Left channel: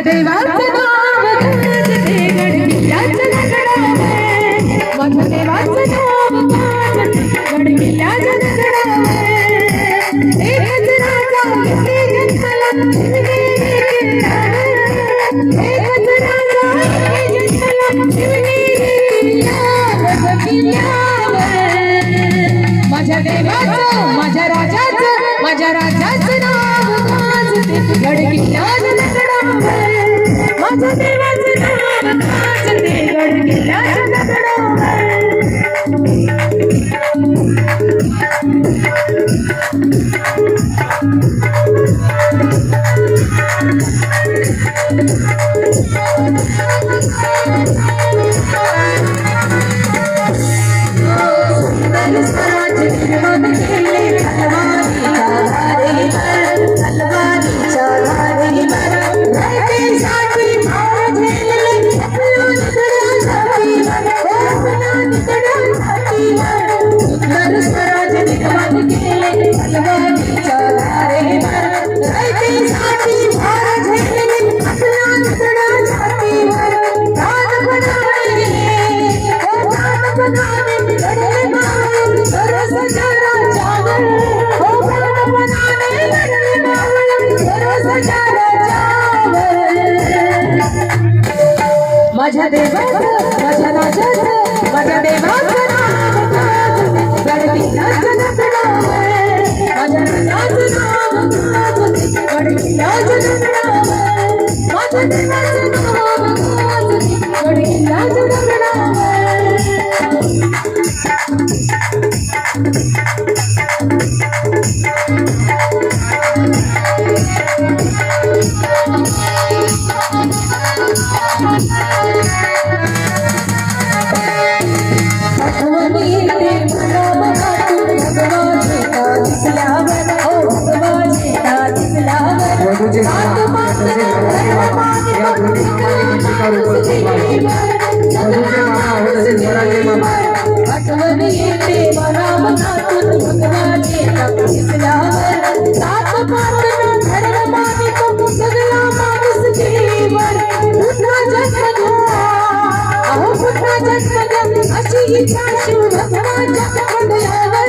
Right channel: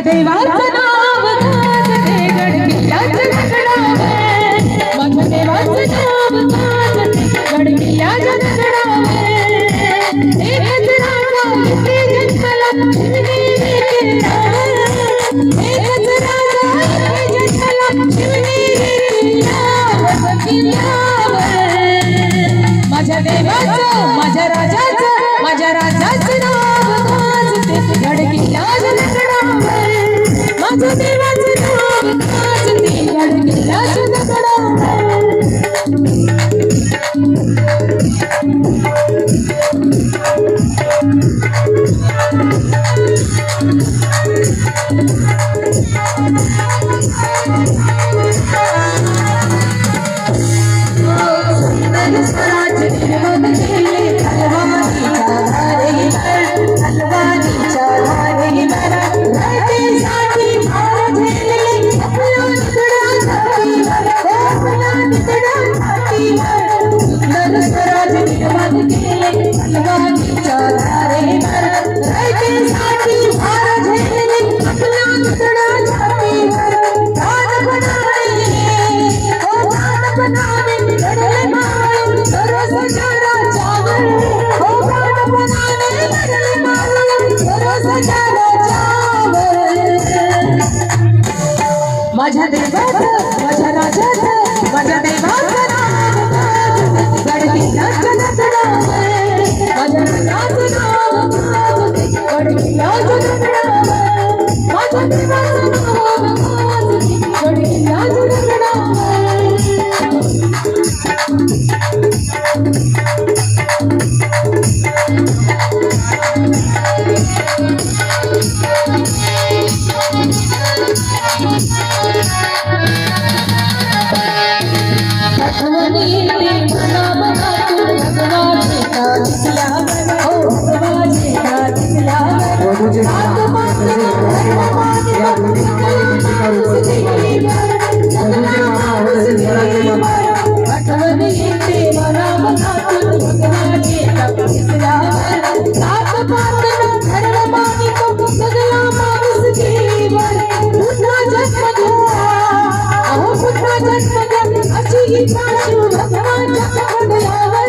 देवाचं नाव गाजते गडकिल्ल्याच्या दगडावर, माझ्या देवाचं नाव गाजते गडकिल्ल्याच्या दगडावर. एकच राजा इथे जन्मला शिवनेरी किल्ल्यावर, एकच राजा इथे जन्मला शिवनेरी किल्ल्यावर. माझ्या देवाचं माझ्या राजाचं नाव गाजते गडकिल्ल्याच्या दगडावर, माझ्या देवाचं नाव गाजते गडकिल्ल्याच्या दगडावर. स्वराज्य निर्माण केले तलवारीच्या धारेवर, रयतेसाठी भार झेलले अपमान छातीवर, अपमान छातीवर. सुंदर स्वराज्य निर्माण केले तलवारीच्या धारेवर, रयतेसाठी भार झेलले अपमान छातीवर. प्राण बनावे लढले मावळे सरसच्या राजावर, प्राण बनावे लढले मावळे सरसच्या राजावर. माझ्या देवाचं माझ्या राजाचं माझ्या देवाचं नाव गाजते गडकिल्ल्याच्या दगडावर, माझ्या राजाचं नाव गाजते गडकिल्ल्याच्या दगडावर, माझ्या देवाचं नाव गाजते गडकिल्ल्याच्या दगडावर. आठवणी येते मनामनातून भगवानेचा दिसल्यावर, हो भगवानेचा दिसल्यावर. आठवणी येते मनामनातून भगवानेचा दिसल्यावर, सात पातना धरला मानिक सगळा माणूस जीवर. पुन्हा जन्म घ्या अहो पुन्हा जन्म घ्या अशी इच्छा शिव भगवानच्या मंडळावर.